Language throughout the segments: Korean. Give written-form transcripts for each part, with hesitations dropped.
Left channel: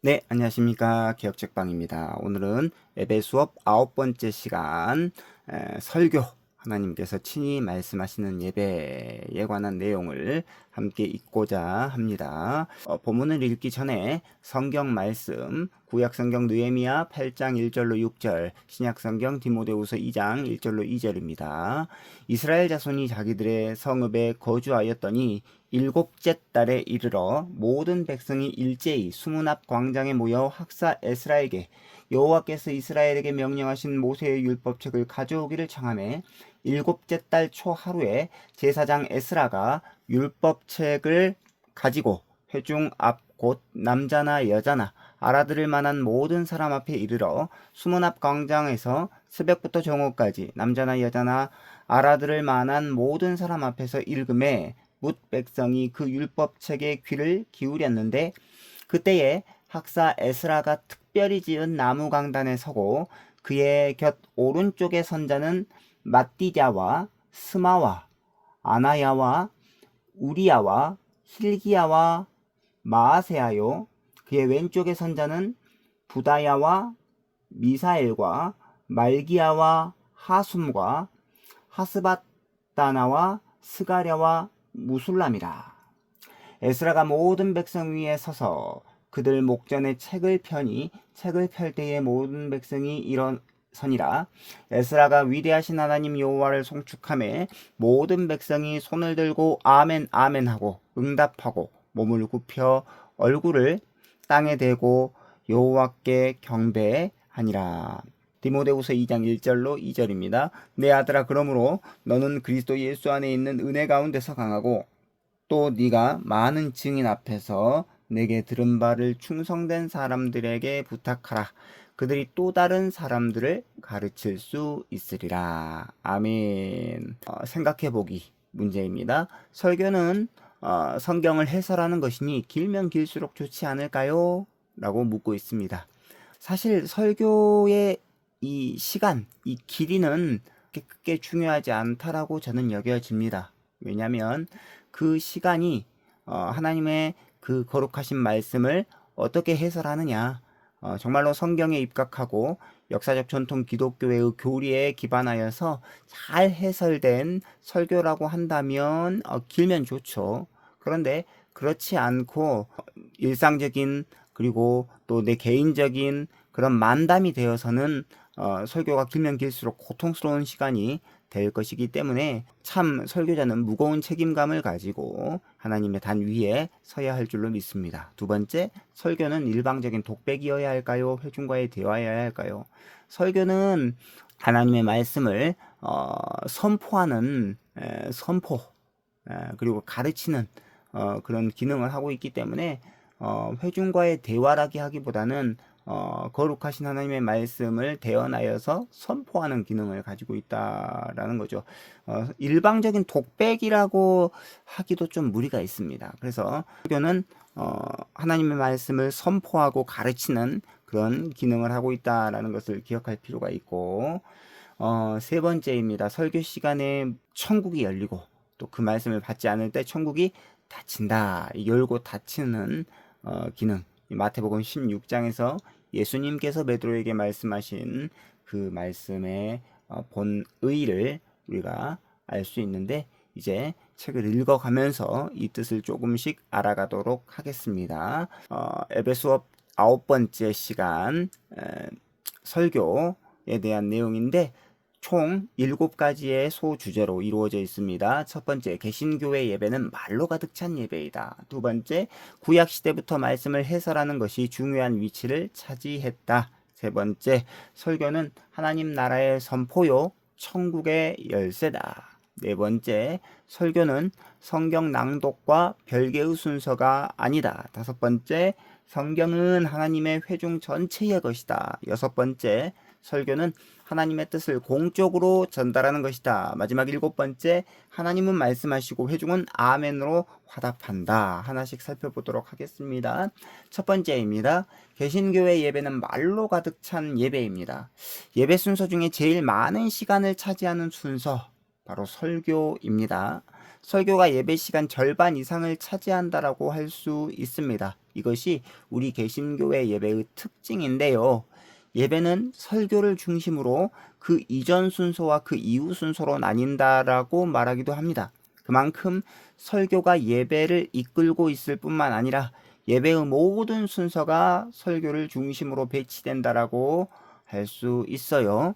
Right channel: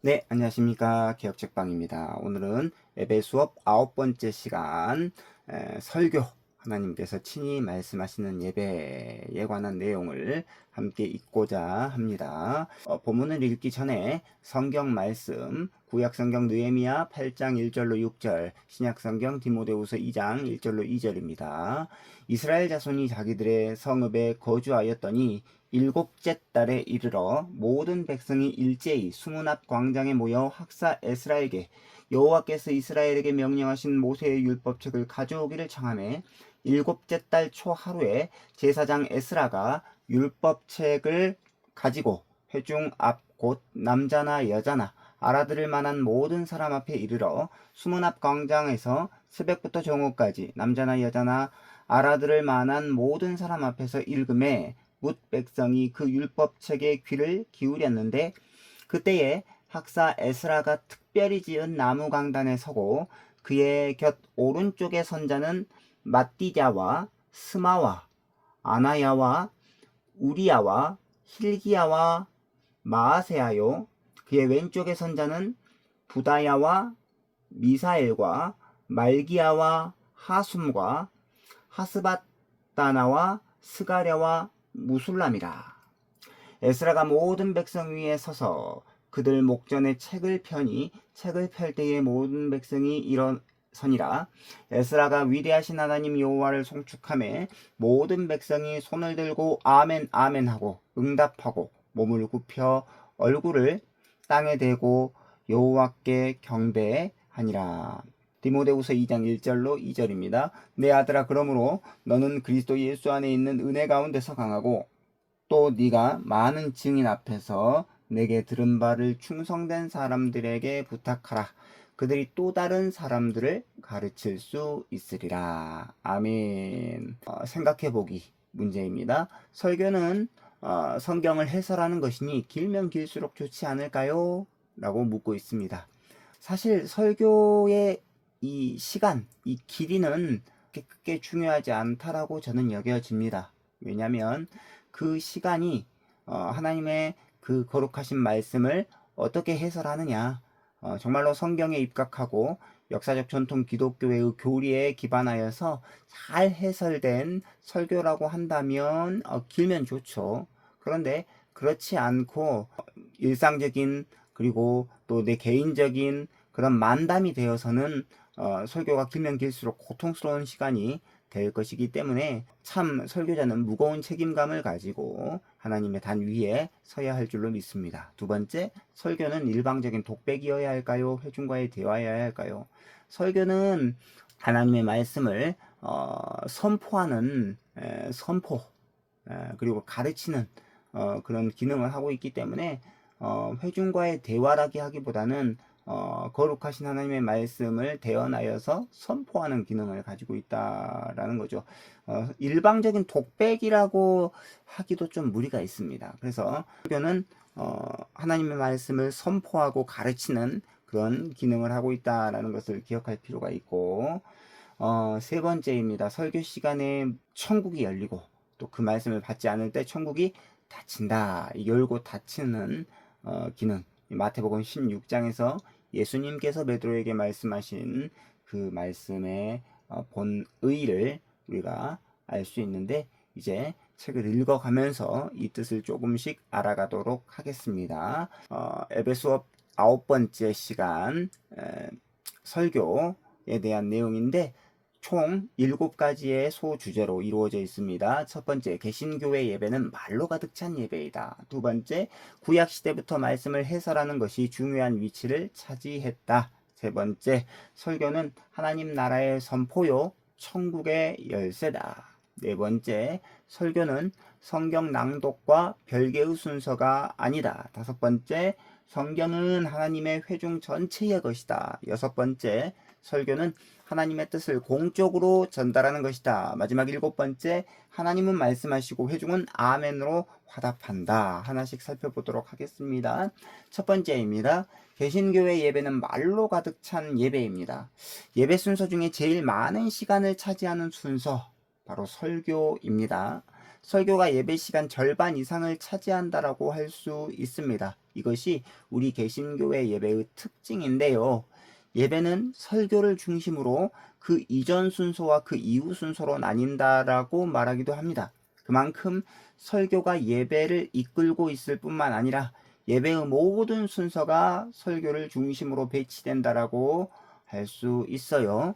네, 안녕하십니까. 기억책방입니다. 오늘은 예배 수업 9번째 시간 설교, 하나님께서 친히 말씀하시는 예배에 관한 내용을 함께 읽고자 합니다. 본문을 읽기 전에 성경 말씀, 구약성경 느헤미야 8장 1절로 6절, 신약성경 디모데후서 2장 1절로 2절입니다. 이스라엘 자손이 자기들의 성읍에 거주하였더니 일곱째 달에 이르러 모든 백성이 일제히 수문 앞 광장에 모여 학사 에스라에게 여호와께서 이스라엘에게 명령하신 모세의 율법책을 가져오기를 청하매 일곱째 달 초 하루에 제사장 에스라가 율법책을 가지고 회중 앞 곧 남자나 여자나 알아들을 만한 모든 사람 앞에 이르러 수문 앞 광장에서 새벽부터 정오까지 남자나 여자나 알아들을 만한 모든 사람 앞에서 읽음에 뭇 백성이 그 율법책에 귀를 기울였는데 그때에 학사 에스라가 특별히 지은 나무 강단에 서고 그의 곁 오른쪽에 선 자는 마띠자와 스마와 아나야와 우리야와 힐기야와 마아세야요 그의 왼쪽에 선 자는 부다야와 미사엘과 말기야와 하숨과 하스바다나와 스가랴와 무술람이라. 에스라가 모든 백성 위에 서서 그들 목전에 책을 펴니 책을 펼 때에 모든 백성이 일어서니라. 에스라가 위대하신 하나님 여호와를 송축하매 모든 백성이 손을 들고 아멘 아멘 하고 응답하고 몸을 굽혀 얼굴을 땅에 대고 여호와께 경배하니라. 디모데후서 2장 1절로 2절입니다. 내 아들아, 그러므로 너는 그리스도 예수 안에 있는 은혜 가운데서 강하고 또 네가 많은 증인 앞에서 내게 들은 바를 충성된 사람들에게 부탁하라. 그들이 또 다른 사람들을 가르칠 수 있으리라. 아멘. 생각해보기 문제입니다. 설교는 성경을 해설하는 것이니 길면 길수록 좋지 않을까요? 라고 묻고 있습니다. 사실 설교의 이 시간, 이 길이는 그렇게 크게 중요하지 않다라고 저는 여겨집니다. 왜냐하면 그 시간이 하나님의 그 거룩하신 말씀을 어떻게 해설하느냐, 정말로 성경에 입각하고 역사적 전통 기독교의 교리에 기반하여서 잘 해설된 설교라고 한다면 길면 좋죠. 그런데 그렇지 않고 일상적인 그리고 또 내 개인적인 그런 만담이 되어서는 설교가 길면 길수록 고통스러운 시간이 될 것이기 때문에 참 설교자는 무거운 책임감을 가지고 하나님의 단 위에 서야 할 줄로 믿습니다. 두 번째, 설교는 일방적인 독백이어야 할까요? 회중과의 대화여야 할까요? 설교는 하나님의 말씀을 선포하는 선포 그리고 가르치는 그런 기능을 하고 있기 때문에 회중과의 대화라기 하기보다는 거룩하신 하나님의 말씀을 대언하여서 선포하는 기능을 가지고 있다라는 거죠. 일방적인 독백이라고 하기도 좀 무리가 있습니다. 그래서 설교는 하나님의 말씀을 선포하고 가르치는 그런 기능을 하고 있다라는 것을 기억할 필요가 있고, 세 번째입니다. 설교 시간에 천국이 열리고 또 그 말씀을 받지 않을 때 천국이 닫힌다. 열고 닫히는 기능. 마태복음 16장에서 예수님께서 베드로에게 말씀하신 그 말씀의 본의를 우리가 알 수 있는데 이제 책을 읽어가면서 이 뜻을 조금씩 알아가도록 하겠습니다. 에베 수업 9번째 시간 설교에 대한 내용인데 총 7가지의 소주제로 이루어져 있습니다. 첫 번째, 개신교회 예배는 말로 가득 찬 예배이다. 두 번째, 구약시대부터 말씀을 해설하는 것이 중요한 위치를 차지했다. 세 번째, 설교는 하나님 나라의 선포요, 천국의 열쇠다. 네 번째, 설교는 성경 낭독과 별개의 순서가 아니다. 다섯 번째, 성경은 하나님의 회중 전체의 것이다. 여섯 번째, 설교는 하나님의 뜻을 공적으로 전달하는 것이다. 마지막 일곱 번째, 하나님은 말씀하시고 회중은 아멘으로 화답한다. 하나씩 살펴보도록 하겠습니다. 첫 번째입니다. 개신교회 예배는 말로 가득 찬 예배입니다. 예배 순서 중에 제일 많은 시간을 차지하는 순서, 바로 설교입니다. 설교가 예배 시간 절반 이상을 차지한다라고 할 수 있습니다. 이것이 우리 개신교회 예배의 특징인데요. 예배는 설교를 중심으로 그 이전 순서와 그 이후 순서로 나뉜다라고 말하기도 합니다. 그만큼 설교가 예배를 이끌고 있을 뿐만 아니라 예배의 모든 순서가 설교를 중심으로 배치된다라고 할 수 있어요.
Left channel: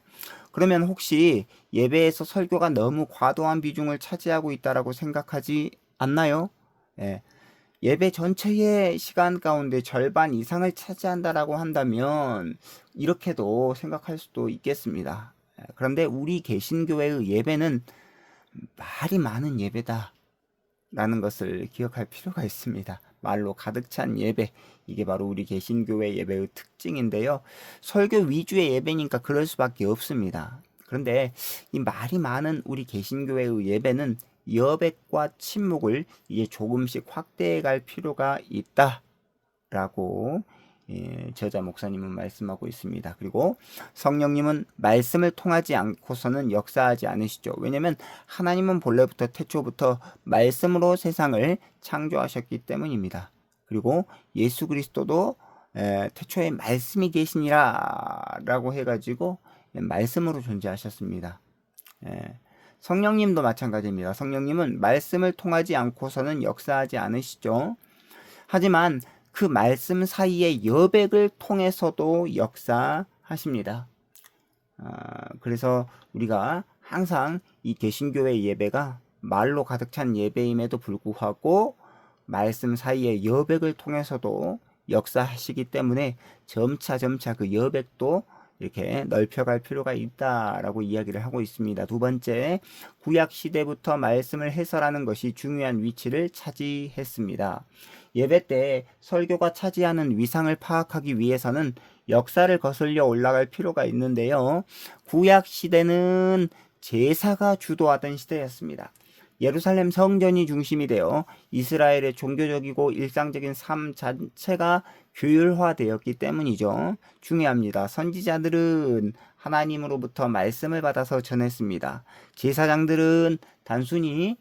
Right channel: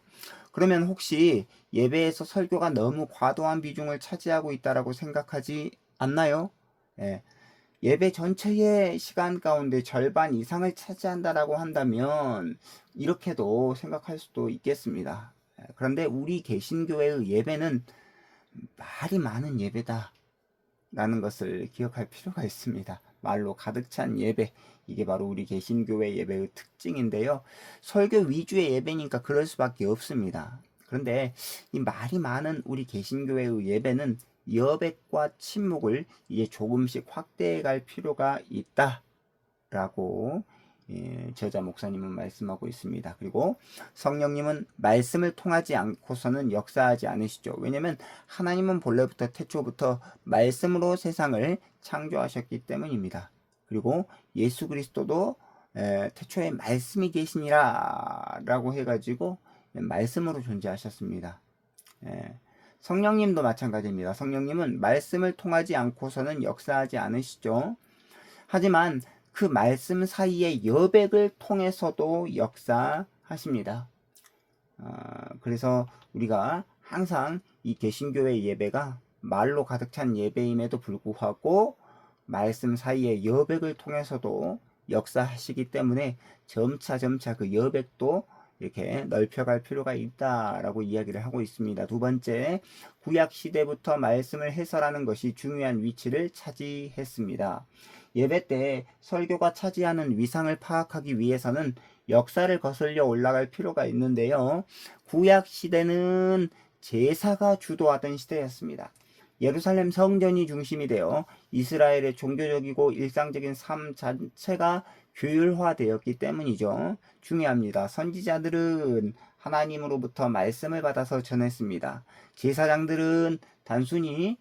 그러면 혹시 예배에서 설교가 너무 과도한 비중을 차지하고 있다라고 생각하지 않나요? 예. 예배 전체의 시간 가운데 절반 이상을 차지한다라고 한다면 이렇게도 생각할 수도 있겠습니다. 그런데 우리 개신교회의 예배는 말이 많은 예배다라는 것을 기억할 필요가 있습니다. 말로 가득 찬 예배, 이게 바로 우리 개신교회 예배의 특징인데요. 설교 위주의 예배니까 그럴 수밖에 없습니다. 그런데 이 말이 많은 우리 개신교회의 예배는 여백과 침묵을 이제 조금씩 확대해 갈 필요가 있다라고 저자 목사님은 말씀하고 있습니다. 그리고 성령님은 말씀을 통하지 않고서는 역사하지 않으시죠. 왜냐하면 하나님은 본래부터 태초부터 말씀으로 세상을 창조하셨기 때문입니다. 그리고 예수 그리스도도 태초에 말씀이 계시니라 라고 해가지고 말씀으로 존재하셨습니다. 성령님도 마찬가지입니다. 성령님은 말씀을 통하지 않고서는 역사하지 않으시죠. 하지만 그 말씀 사이의 여백을 통해서도 역사하십니다. 그래서 우리가 항상 이 개신교회 예배가 말로 가득 찬 예배임에도 불구하고 말씀 사이의 여백을 통해서도 역사하시기 때문에 점차 그 여백도 이렇게 넓혀갈 필요가 있다라고 이야기를 하고 있습니다. 두 번째, 구약 시대부터 말씀을 해설하는 것이 중요한 위치를 차지했습니다. 예배 때 설교가 차지하는 위상을 파악하기 위해서는 역사를 거슬려 올라갈 필요가 있는데요. 구약 시대는 제사가 주도하던 시대였습니다. 예루살렘 성전이 중심이 되어 이스라엘의 종교적이고 일상적인 삶 자체가 규율화되었기 때문이죠. 중요합니다. 선지자들은 하나님으로부터 말씀을 받아서 전했습니다. 제사장들은 단순히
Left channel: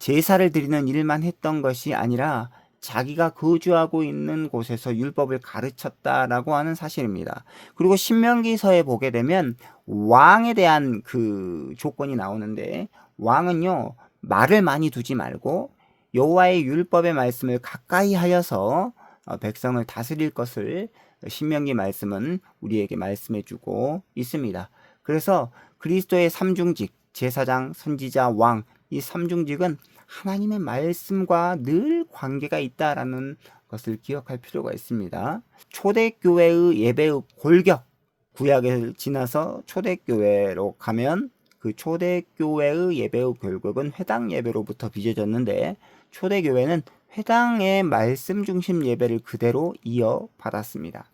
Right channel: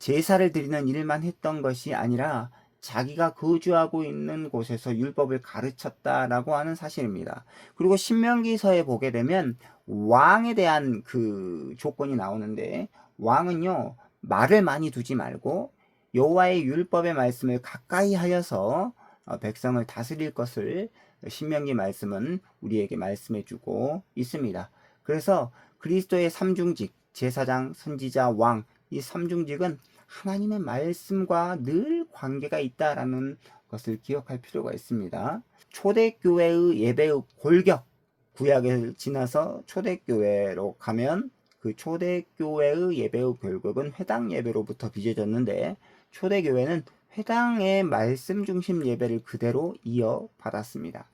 제사를 드리는 일만 했던 것이 아니라 자기가 거주하고 있는 곳에서 율법을 가르쳤다라고 하는 사실입니다. 그리고 신명기서에 보게 되면 왕에 대한 그 조건이 나오는데, 왕은요 말을 많이 두지 말고 여호와의 율법의 말씀을 가까이 하여서 백성을 다스릴 것을 신명기 말씀은 우리에게 말씀해 주고 있습니다. 그래서 그리스도의 삼중직, 제사장, 선지자, 왕, 이 삼중직은 하나님의 말씀과 늘 관계가 있다라는 것을 기억할 필요가 있습니다. 초대교회의 예배의 골격, 구약을 지나서 초대교회로 가면 그 초대교회의 예배의 골격은 회당 예배로부터 빚어졌는데, 초대교회는 회당의 말씀 중심 예배를 그대로 이어받았습니다.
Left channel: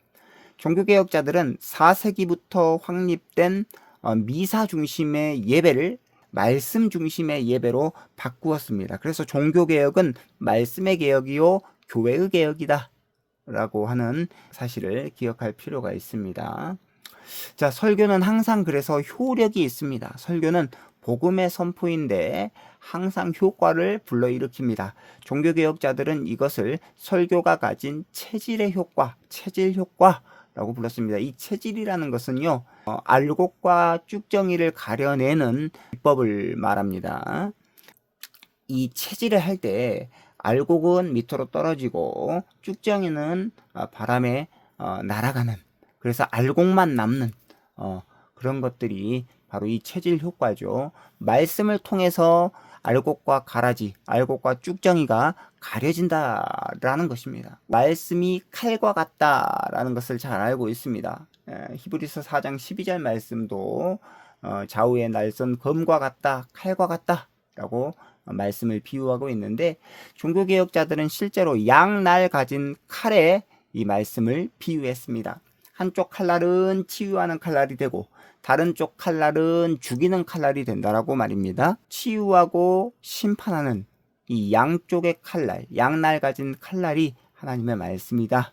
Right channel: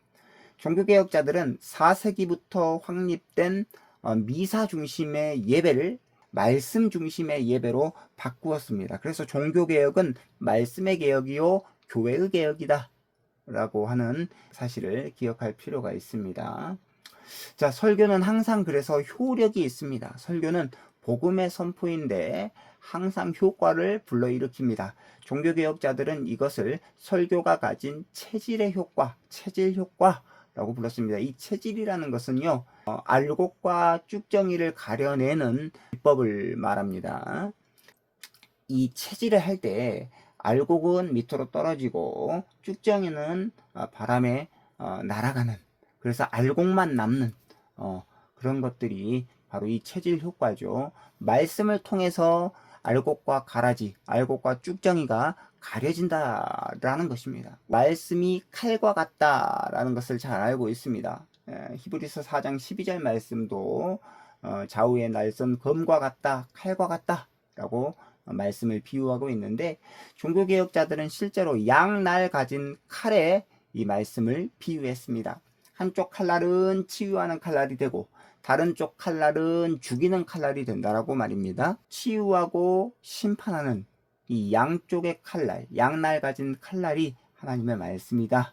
종교개혁자들은 4세기부터 확립된 미사 중심의 예배를 말씀 중심의 예배로 바꾸었습니다. 그래서 종교개혁은 말씀의 개혁이요 교회의 개혁이다 라고 하는 사실을 기억할 필요가 있습니다. 자, 설교는 항상 그래서 효력이 있습니다. 설교는 복음의 선포인데 항상 효과를 불러일으킵니다. 종교개혁자들은 이것을 설교가 가진 체질의 효과, 체질 효과라고 불렀습니다. 이 체질이라는 것은요, 알곡과 쭉정이를 가려내는 비법을 말합니다. 이 체질을 할 때 알곡은 밑으로 떨어지고 쭉정이는 바람에 날아가는, 그래서 알곡만 남는 그런 것들이 바로 이 체질 효과죠. 말씀을 통해서 알곡과 가라지, 알곡과 쭉정이가 가려진다라는 것입니다. 말씀이 칼과 같다라는 것을 잘 알고 있습니다. 히브리서 4장 12절 말씀도 좌우의 날선 검과 같다, 칼과 같다 라고 말씀을 비유하고 있는데, 종교개혁자들은 실제로 양날 가진 칼에 이 말씀을 비유했습니다. 한쪽 칼날은 치유하는 칼날이 되고 다른 쪽 칼날은 죽이는 칼날이 된다라고 말입니다. 치유하고 심판하는 이 양쪽의 칼날, 양날 가진 칼날이 하나님의 말씀이다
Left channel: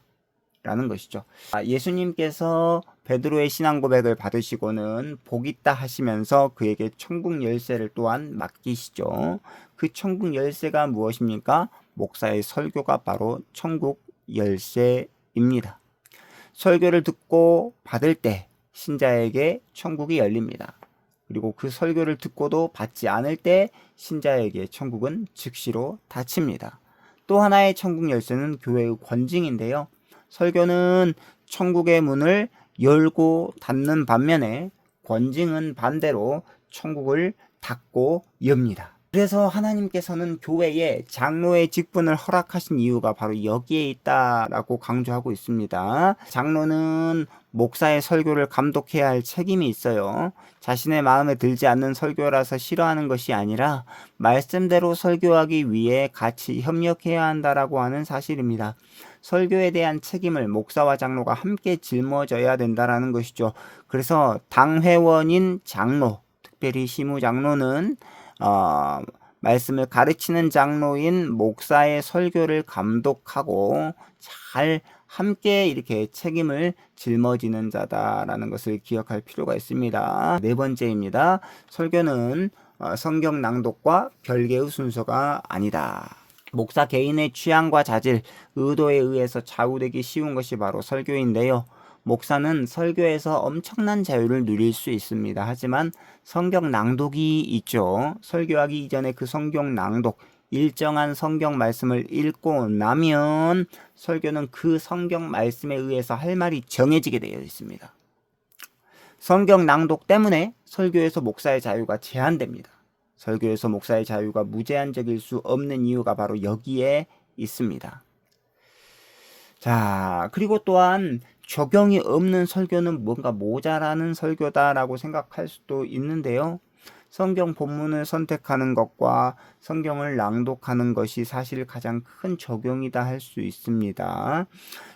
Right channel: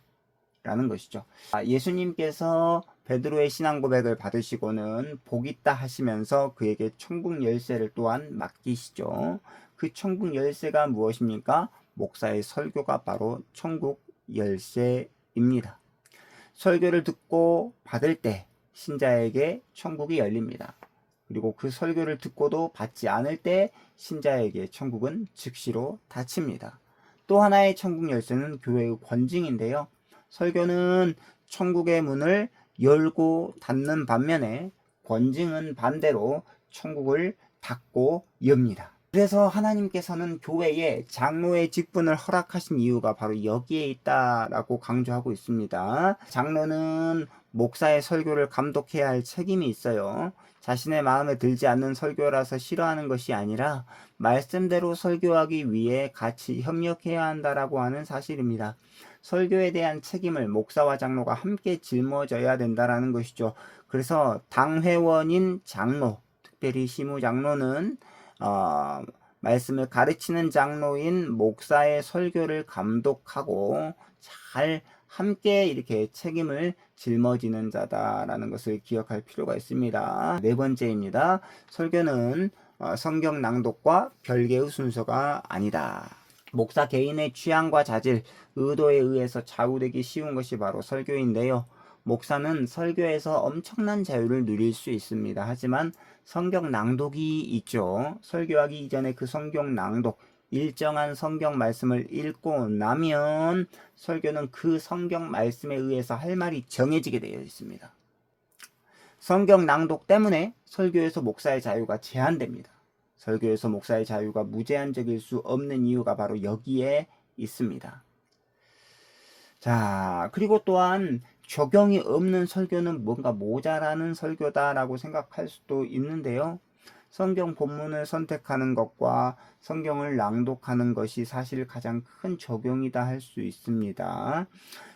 라는 것이죠. 예수님께서 베드로의 신앙 고백을 받으시고는 복 있다 하시면서 그에게 천국 열쇠를 또한 맡기시죠. 그 천국 열쇠가 무엇입니까? 목사의 설교가 바로 천국 열쇠입니다. 설교를 듣고 받을 때 신자에게 천국이 열립니다. 그리고 그 설교를 듣고도 받지 않을 때 신자에게 천국은 즉시로 닫힙니다. 또 하나의 천국 열쇠는 교회의 권징인데요. 설교는 천국의 문을 열고 닫는 반면에 권징은 반대로 천국을 닫고 엽니다. 그래서 하나님께서는 교회에 장로의 직분을 허락하신 이유가 바로 여기에 있다라고 강조하고 있습니다. 장로는 목사의 설교를 감독해야 할 책임이 있어요. 자신의 마음에 들지 않는 설교라서 싫어하는 것이 아니라 말씀대로 설교하기 위해 같이 협력해야 한다라고 하는 사실입니다. 설교에 대한 책임을 목사와 장로가 함께 짊어져야 된다라는 것이죠. 그래서 당회원인 장로, 특별히 시무장로는 말씀을 가르치는 장로인 목사의 설교를 감독하고 잘 함께 이렇게 책임을 짊어지는 자다라는 것을 기억할 필요가 있습니다. 네 번째입니다. 설교는 성경 낭독과 별개의 순서가 아니다. 목사 개인의 취향과 자질, 의도에 의해서 좌우되기 쉬운 것이 바로 설교인데요. 목사는 설교에서 엄청난 자유를 누릴 수 있습니다. 하지만 성경 낭독이 있죠. 설교하기 이전에 그 성경 낭독, 일정한 성경 말씀을 읽고 나면 설교는 그 성경 말씀에 의해서 할 말이 정해지게 되어 있습니다. 성경 낭독 때문에 설교에서 목사의 자유가 제한됩니다. 설교에서 목사의 자유가 무제한적일 수 없는 이유가 바로 여기에 있습니다. 자, 그리고 또한 적용이 없는 설교는 뭔가 모자라는 설교다라고 생각할 수도 있는데요. 성경 본문을 선택하는 것과 성경을 낭독하는 것이 사실 가장 큰 적용이다 할 수 있습니다.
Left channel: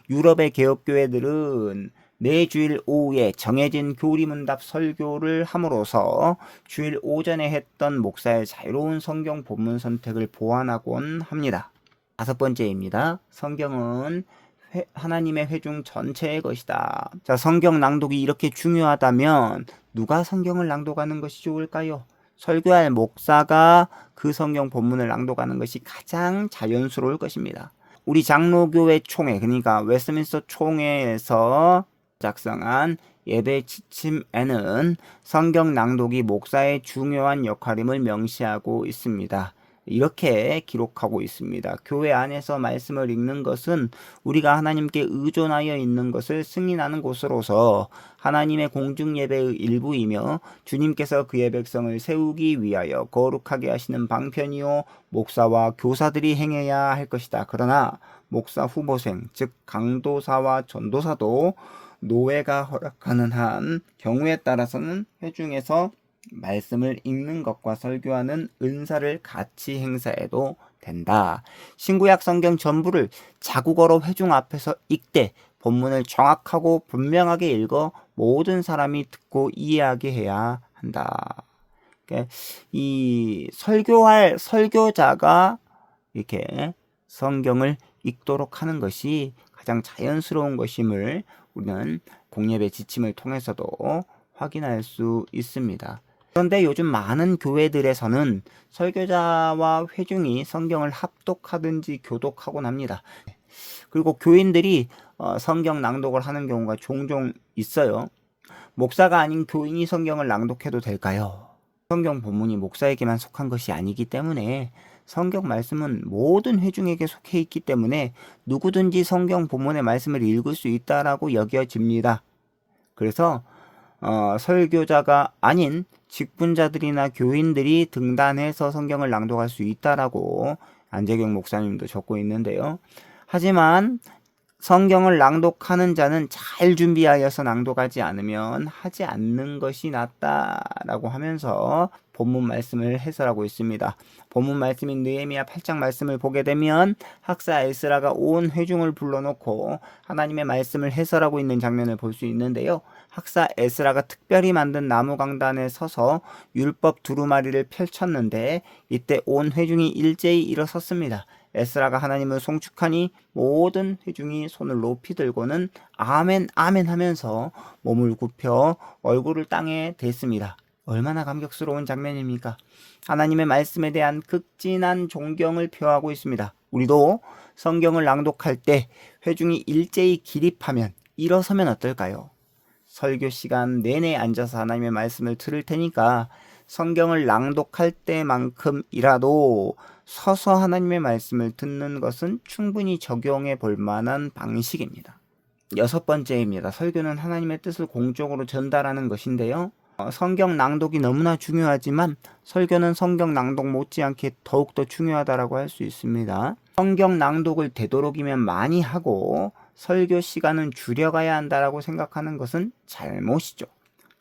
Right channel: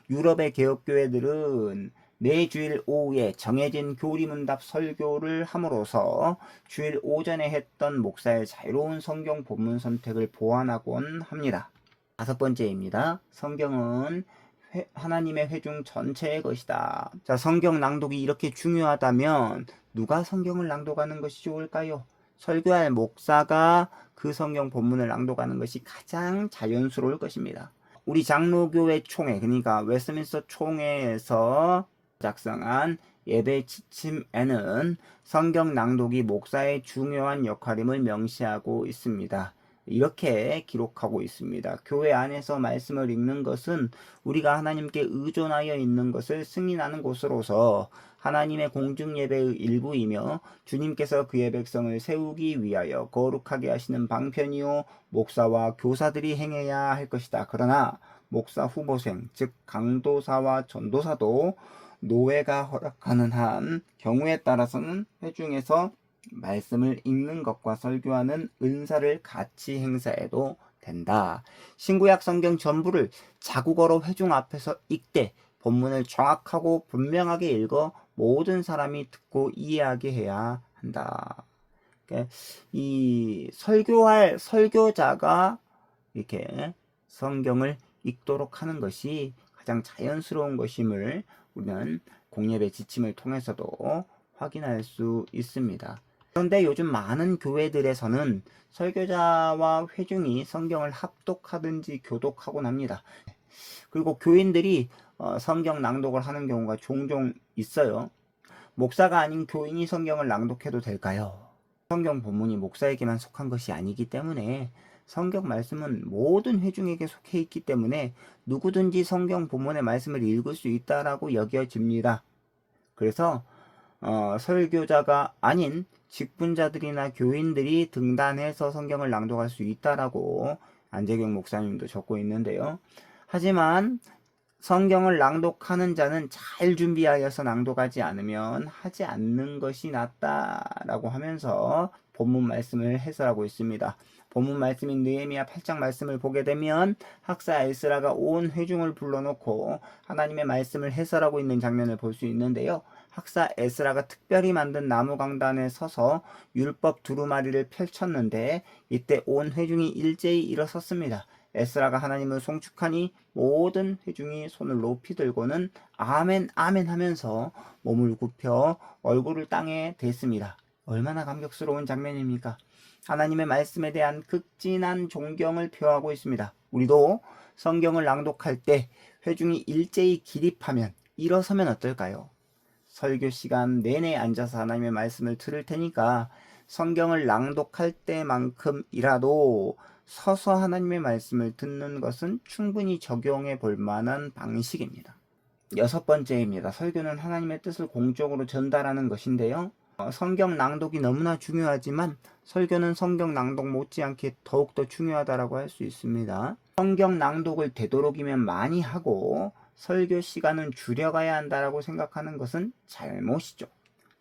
유럽의 개혁교회들은 매주일 오후에 정해진 교리문답 설교를 함으로써 주일 오전에 했던 목사의 자유로운 성경 본문 선택을 보완하곤 합니다. 다섯 번째입니다. 성경은 하나님의 회중 전체의 것이다. 자, 성경 낭독이 이렇게 중요하다면 누가 성경을 낭독하는 것이 좋을까요? 설교할 목사가 그 성경 본문을 낭독하는 것이 가장 자연스러울 것입니다. 우리 장로교회 총회, 그러니까 웨스트민스터 총회에서 작성한 예배 지침에는 성경 낭독이 목사의 중요한 역할임을 명시하고 있습니다. 이렇게 기록하고 있습니다. 교회 안에서 말씀을 읽는 것은 우리가 하나님께 의존하여 있는 것을 승인하는 곳으로서 하나님의 공중 예배의 일부이며 주님께서 그의 백성을 세우기 위하여 거룩하게 하시는 방편이요 목사와 교사들이 행해야 할 것이다. 그러나 목사 후보생, 즉 강도사와 전도사도 노회가 허락하는 한 경우에 따라서는 회중에서 말씀을 읽는 것과 설교하는 은사를 같이 행사해도 된다. 신구약 성경 전부를 자국어로 회중 앞에서 읽되 본문을 정확하고 분명하게 읽어 모든 사람이 듣고 이해하게 해야 한다. 그러니까 이 설교할 설교자가 이렇게 성경을 읽도록 하는 것이 가장 자연스러운 것임을 우리는 공예배 지침을 통해서도 확인할 수 있습니다. 그런데 요즘 많은 교회들에서는 설교자와 회중이 성경을 합독하든지 교독하곤 합니다. 그리고 교인들이 성경 낭독을 하는 경우가 종종 있어요. 목사가 아닌 교인이 성경을 낭독해도 될까요? 성경 본문이 목사에게만 속한 것이 아니기 때문에 성경 말씀은 모든 회중에게 속해 있기 때문에 누구든지 성경 본문의 말씀을 읽을 수 있다라고 여겨집니다. 그래서 설교자가 아닌 직분자들이나 교인들이 등단해서 성경을 낭독할 수 있다라고 안재경 목사님도 적고 있는데요. 하지만 성경을 낭독하는 자는 잘 준비하여서 낭독하지 않으면 하지 않는 것이 낫다라고 하면서 본문 말씀을 해설하고 있습니다. 본문 말씀인 느헤미야 8장 말씀을 보게 되면 학사 에스라가 온 회중을 불러놓고 하나님의 말씀을 해설하고 있는 장면을 볼 수 있는데요. 학사 에스라가 특별히 만든 나무 강단에 서서 율법 두루마리를 펼쳤는데 이때 온 회중이 일제히 일어섰습니다. 에스라가 하나님을 송축하니 모든 회중이 손을 높이 들고는 아멘 아멘 하면서 몸을 굽혀 얼굴을 땅에 댔습니다. 얼마나 감격스러운 장면입니까? 하나님의 말씀에 대한 극진한 존경을 표하고 있습니다. 우리도 성경을 낭독할 때 회중이 일제히 기립하면 일어서면 어떨까요? 설교 시간 내내 앉아서 하나님의 말씀을 들을 테니까 성경을 낭독할 때만큼이라도 서서 하나님의 말씀을 듣는 것은 충분히 적용해 볼 만한 방식입니다. 6번째입니다. 설교는 하나님의 뜻을 공적으로 전달하는 것인데요. 성경 낭독이 너무나 중요하지만 설교는 성경 낭독 못지않게 더욱더 중요하다고 할 수 있습니다. 성경 낭독을 되도록이면 많이 하고 설교 시간은 줄여가야 한다고 생각하는 것은 잘못이죠.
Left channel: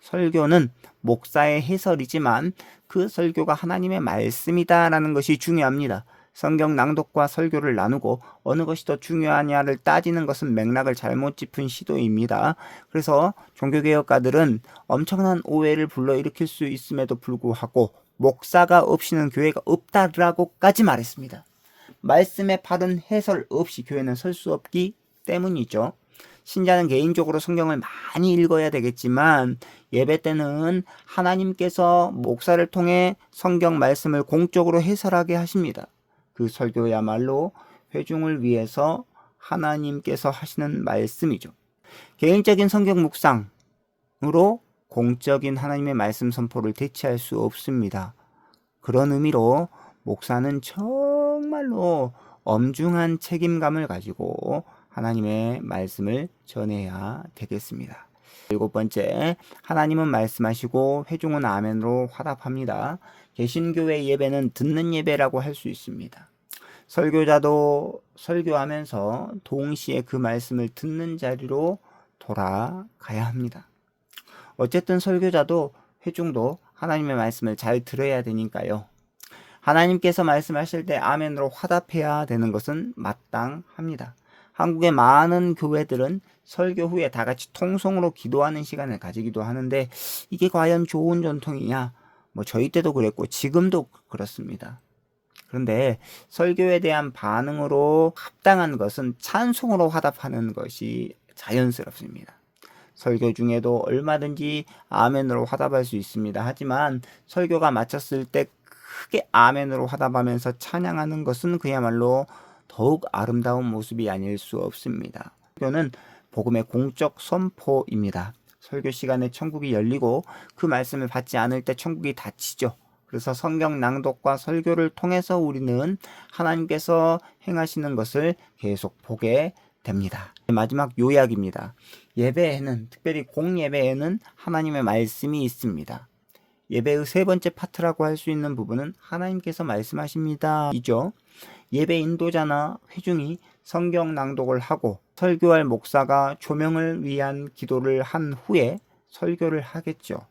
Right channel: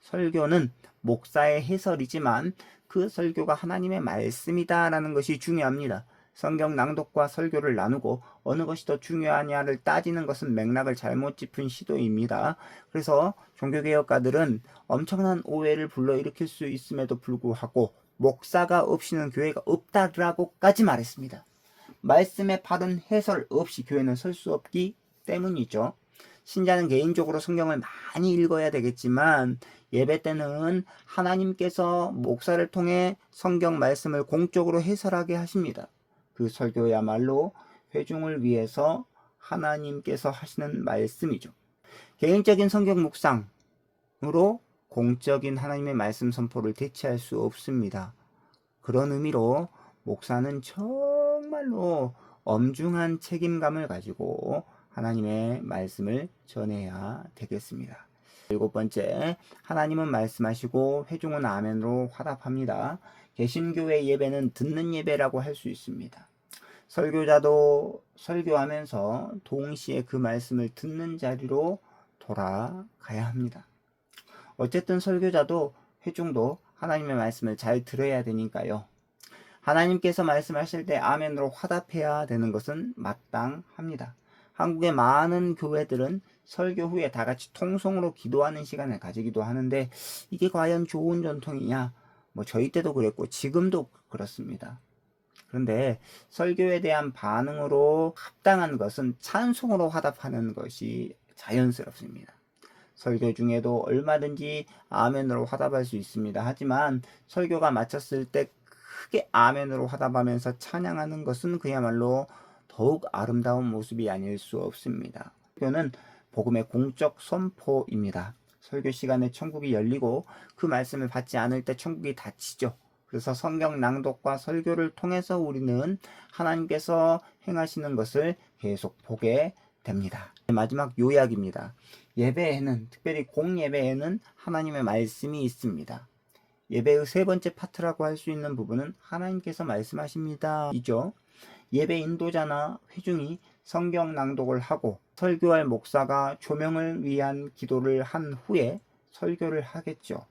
설교는 목사의 해설이지만 그 설교가 하나님의 말씀이다라는 것이 중요합니다. 성경 낭독과 설교를 나누고 어느 것이 더 중요하냐를 따지는 것은 맥락을 잘못 짚은 시도입니다. 그래서 종교개혁가들은 엄청난 오해를 불러일으킬 수 있음에도 불구하고 목사가 없이는 교회가 없다라고까지 말했습니다. 말씀에 바른 해설 없이 교회는 설 수 없기 때문이죠. 신자는 개인적으로 성경을 많이 읽어야 되겠지만 예배 때는 하나님께서 목사를 통해 성경 말씀을 공적으로 해설하게 하십니다. 그 설교야말로 회중을 위해서 하나님께서 하시는 말씀이죠. 개인적인 성경 묵상으로 공적인 하나님의 말씀 선포를 대체할 수 없습니다. 그런 의미로 목사는 정말로 엄중한 책임감을 가지고 하나님의 말씀을 전해야 되겠습니다. 7번째, 하나님은 말씀하시고 회중은 아멘으로 화답합니다. 개신교회 예배는 듣는 예배라고 할 수 있습니다. 설교자도 설교하면서 동시에 그 말씀을 듣는 자리로 돌아가야 합니다. 어쨌든 설교자도 회중도 하나님의 말씀을 잘 들어야 되니까요. 하나님께서 말씀하실 때 아멘으로 화답해야 되는 것은 마땅합니다. 한국의 많은 교회들은 설교 후에 다 같이 통성으로 기도하는 시간을 가지기도 하는데 이게 과연 좋은 전통이냐? 저희 때도 그랬고 지금도 그렇습니다. 그런데 설교에 대한 반응으로 합당한 것은 찬송으로 화답하는 것이 자연스럽습니다. 설교 중에도 얼마든지 아멘으로 화답할 수 있습니다. 하지만 설교가 마쳤을 때 크게 아멘으로 화답하면서 찬양하는 것은 그야말로 더욱 아름다운 모습이 아닐 수 없습니다. 설교는 복음의 공적 선포입니다. 설교 시간에 천국이 열리고 그 말씀을 받지 않을 때 천국이 닫히죠. 그래서 성경 낭독과 설교를 통해서 우리는 하나님께서 행하시는 것을 계속 보게 됩니다. 마지막 요약입니다. 예배에는, 특별히 공예배에는 하나님의 말씀이 있습니다. 예배의 3번째 파트라고 할 수 있는 부분은 하나님께서 말씀하십니다 이죠. 예배 인도자나 회중이 성경 낭독을 하고 설교할 목사가 조명을 위한 기도를 한 후에 설교를 하겠죠.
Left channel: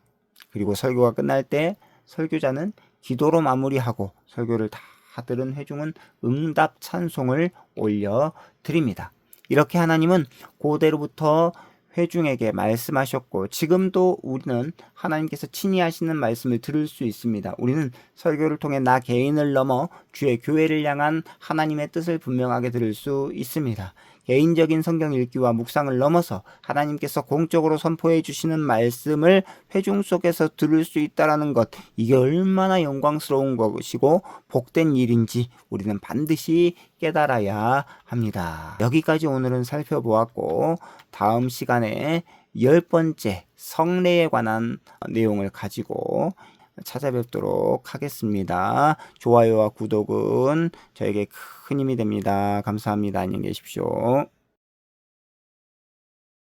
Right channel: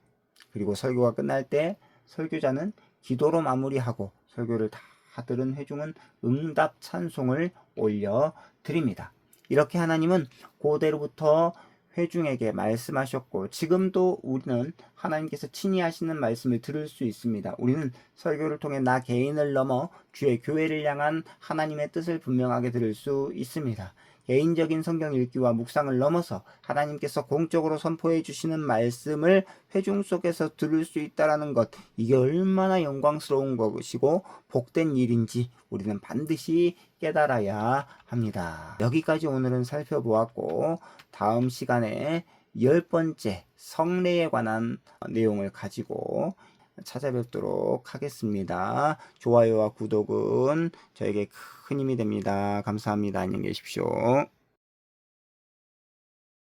그리고 설교가 끝날 때 설교자는 기도로 마무리하고 설교를 다 들은 회중은 응답 찬송을 올려드립니다. 이렇게 하나님은 고대로부터 회중에게 말씀하셨고 지금도 우리는 하나님께서 친히 하시는 말씀을 들을 수 있습니다. 우리는 설교를 통해 나 개인을 넘어 주의 교회를 향한 하나님의 뜻을 분명하게 들을 수 있습니다. 개인적인 성경 읽기와 묵상을 넘어서 하나님께서 공적으로 선포해 주시는 말씀을 회중 속에서 들을 수 있다는 것, 이게 얼마나 영광스러운 것이고 복된 일인지 우리는 반드시 깨달아야 합니다. 여기까지 오늘은 살펴보았고 다음 시간에 10번째 성례에 관한 내용을 가지고 찾아뵙도록 하겠습니다. 좋아요와 구독은 저에게 큰 힘이 됩니다. 감사합니다. 안녕히 계십시오.